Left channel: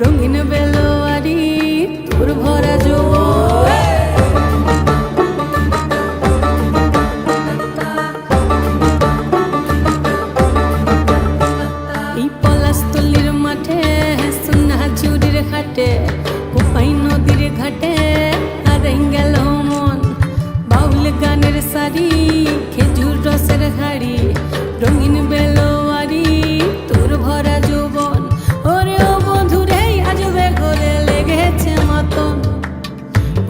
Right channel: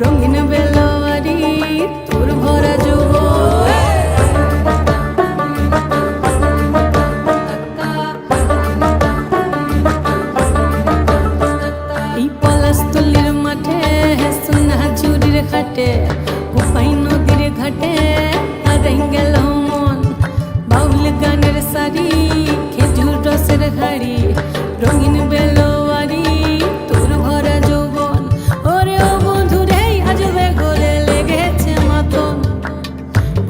রঙিন বেলোয়ারি, তোর ভরা যৌবন এই পলাশতলির মাঠে সোনা ঝুরির ঘাটে কোপাই নদীর ঘাটে গেল মন। বাউল গানের শাড়ি খেজুর রসের হাড়ি, রঙিন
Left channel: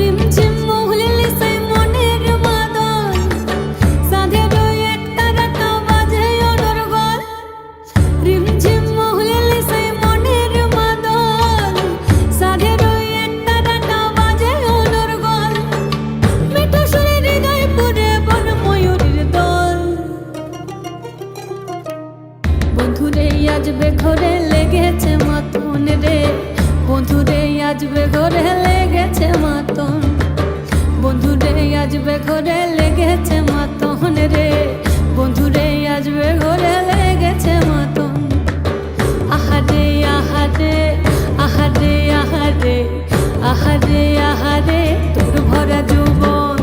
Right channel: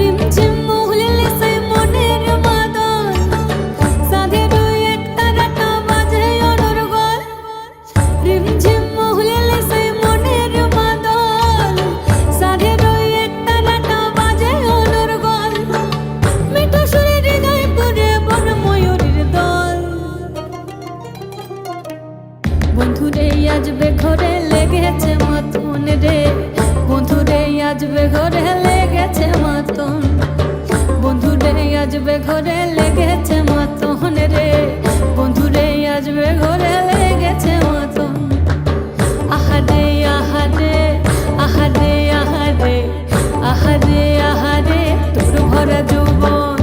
রিমঝিম মহুলিলে সে মনের মাদল সাধের ওই এক তারাটা বাজে অনর্গল রিমঝিম মহুলিলে সে মনের মাদল সাধের ওই এক তারাটা বাজে অনর্গল মিঠো সুরে হৃদয় পুরে বন দল। বন্ধুরে আজবে ঘরে লেগেছে মতন রে। বন্ধুরে আজবে ঘরে লেগেছে মতন। বন্ধুরে আজবে ঘরে লেগেছে মতন রে। বন্ধুরে আজবে ঘরে লেগেছে মতন। আহারে আহারে আহারে আহারে আহারে আহারে, তোর ভরা যৌবন।